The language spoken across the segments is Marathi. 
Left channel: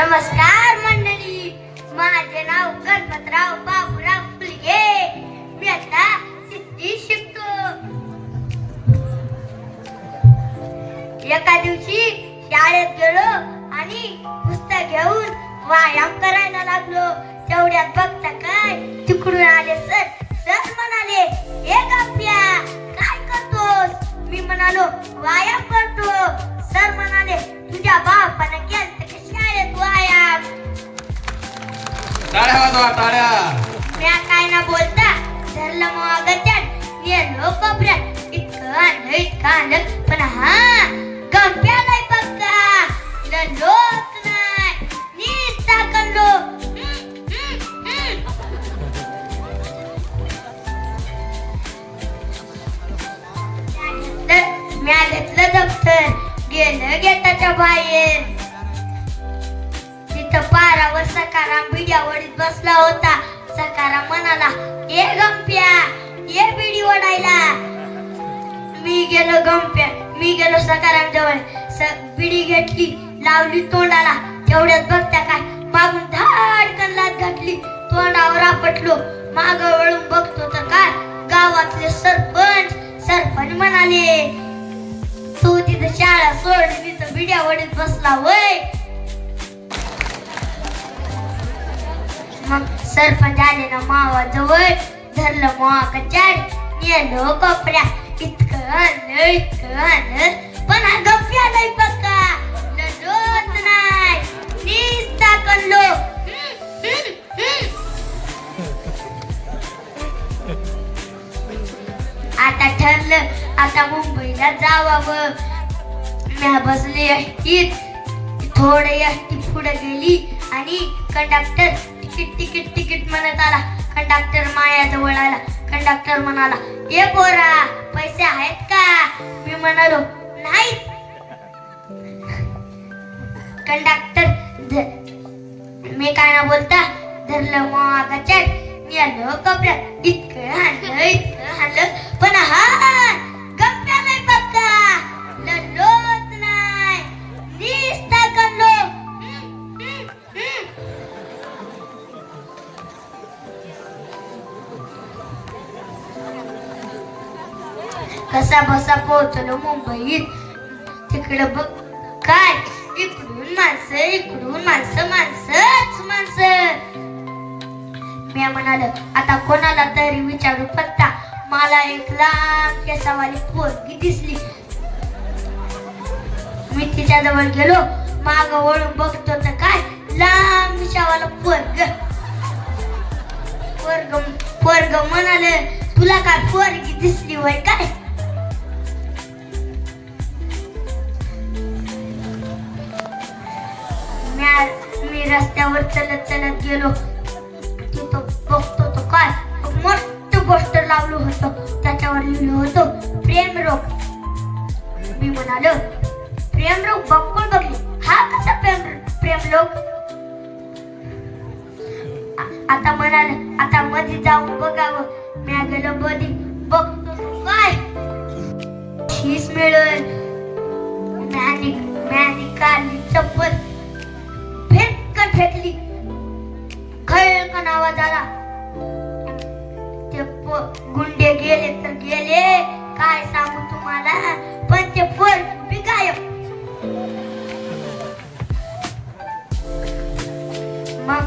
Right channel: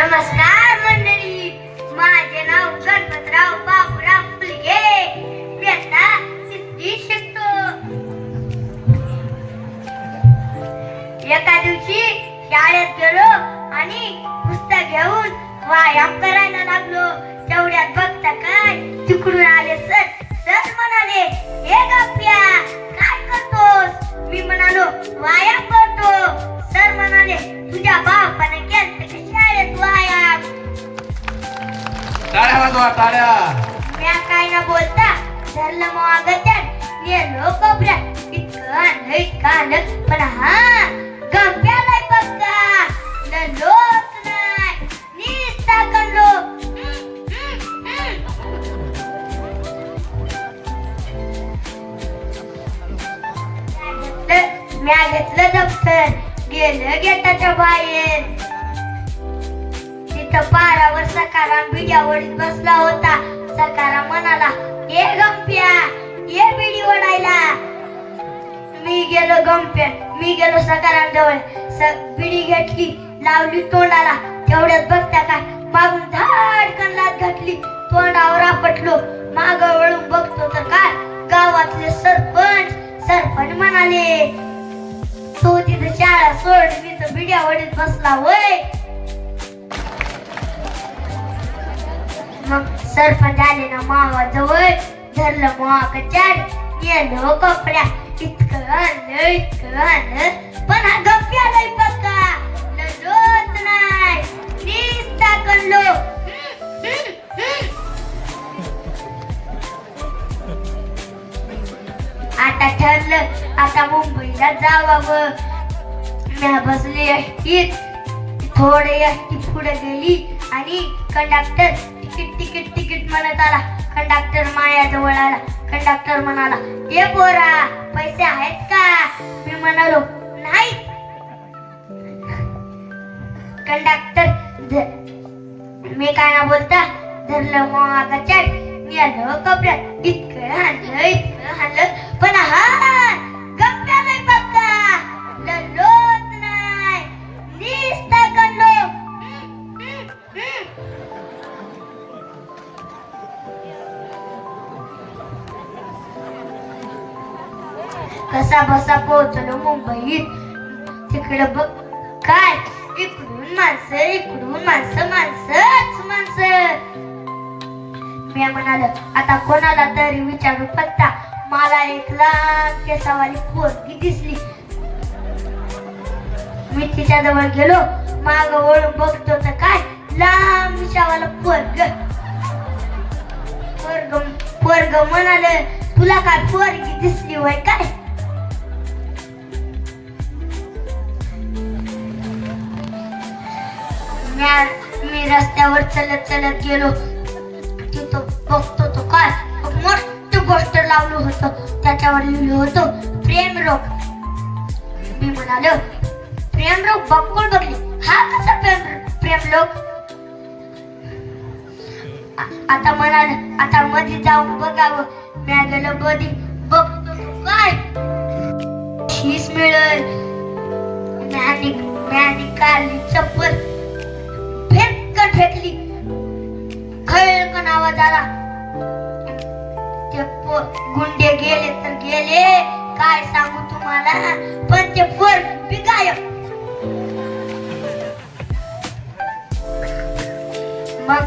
नमस्कार मंडळी, माझे नाव गणपतराव बापराव फुलगे. मी आता सिद्धी शिकतो. एका दिवशी शाळेत गेलो आणि पुस्तक घेऊन व्यायाम करायला लागलो. तेवढ्यात बघता काय तिकडून आले सर. सर म्हणाले, हे गप्प्या काय करतोस? मी म्हणालो, व्यायाम करतो. सर म्हणाले, तुझ्या बापाने केलं का शाळेत व्यायाम? टाळ्या वाजवा, टाळ्या. मी काय न बोलता धरलं मागत्यात नेलो कोपऱ्यात. इतकं आलं पण हा गप्प्याला पक्का ललोच नाही नीसता कंडो. मी घेतलं दप्तर, गेलं गेटाच्या बाहेर. तिथं पारावर सकाराम बिड्या ओढीत बसला होता. सकाराम म्हणाला, ए गंप्या ये बिडी ओढायला. मी गेलो सकाराम जवळ. बिडी घेतली, लावली तोंडाला. तेवढ्यात बघता काय मागून धाडकन लाथ घातली. तोंडावर आपटलो. माग वळून बघतो तर काय गावातले सरपंच म्हणाले, तू तिथं शाळा सोड, मी तर बिड्या ओढीत बसला होय. मग सरपंच आले ना मावाजवळ. धरलं मावाकच्या नेलो कपड्या. इतकं आणलं पण हा गप्प्या लय पक्का ललोच नाही नीसता कंडो. आता ठरलं, आता मुंबईला जावावं. मी बसले एसटीत. थोडे एसटी पुढे गेली आणि कंडक्टर तिकीट म्हणत आला. कंडक्टर माझ्याजवळ आला. कंडक्टर म्हणाला, ये पोरा पैसे आहेत का? मी म्हणालो, नाही. कंडक्टर मी काय ना बोलता धरलं मागाच्या नेलो कपड्यात. इतकं हाणलं पण हा गप्प्या नाही पक्का ललोच नाही नीसता कंडो. कसा बसा पोहोचलो मुंबईत. तिकडे बघ काय इकडून माणसंच माणसं. मी म्हणाल, आता कोणाला तरी विचारू पत्ता. मला एक लहान केसावाली पोरगी दिसली. मी तिच्या जवळ गेलो. माग वळून बघतो तर काय लहान मिशावाला पोरग म्हणाले, तुला काय पोरगी दिसली होय काय? मी रस्त्यावर चलत गेलो. तिथं बघतो तो काय मोठं पोस्टर लावलं होतं. त्याच्यावर लिहिलं होतं, प्रेम रोग. मी म्हणालो, प्रेम रोग बघून बघली. हा कसा प्रेम रोग? आता म्हणाल, आता मध्ये जाऊन बघावं. मी गेलो मध्ये बघतो काय शीस मिळेल. मॅनी काढली चप्पल, फेकली. खळकन आवाज आला. ते गुंडे गेले तर गेले, काय सांगू तुम्हाला. पण ते पोरगी गायब. मग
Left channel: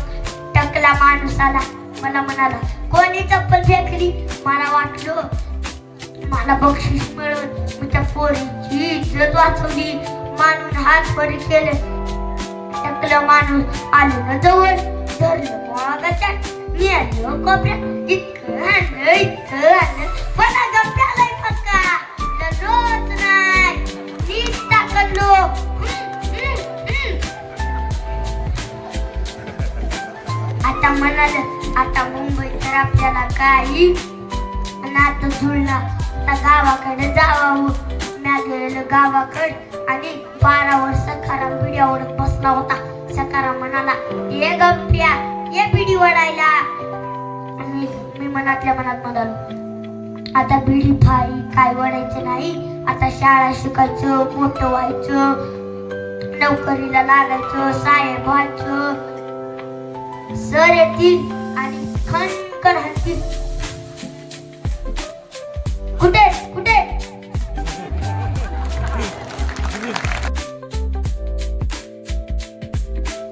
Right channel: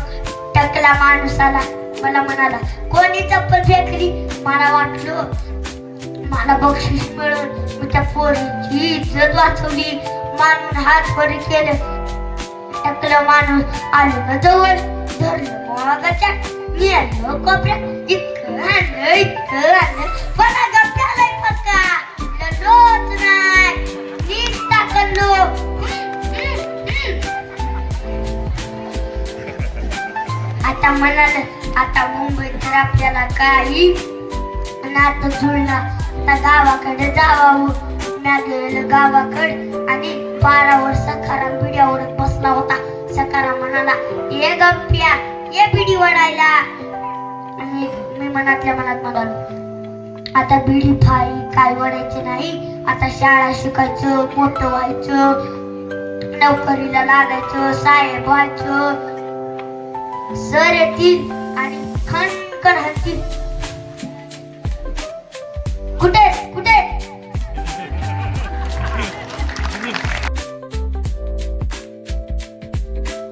टकला माणूस आला. मला म्हणाला, कोणी चप्पल फेकली? मला वाटलं मला बक्षीस मिळेल. मी त्या पोरीची इज्जत वाचवली. मानून हात वर केले. टकला माणूस आलो ना जवळ. धरलं मागाच्या नेलो कोपऱ्यात. इतकं आणलं पण गप्प्याला पक्का ललोच नाही नीसता कंडो. आता म्हणाल, आता मुंबईत तर आपल्याला काही नातं जुळला. आता गावाकडे जावावं. मी गेलं गावाकडे आणि पारावर सकाराम बिड्या ओढत बसला होता. सकाराम म्हणाला, ये गप्प्या ये बिडी ओढायला. आणि मी मनातल्या मनात म्हणालो, आता बिडी फाई काय ओढायचे नाही. आता शाळा शिकायचं, मोठं व्हायचं. नोकरीला लागायचं, साहेब व्हायचं. सर येतील आणि खणखण हाणतील. कुठे कुठे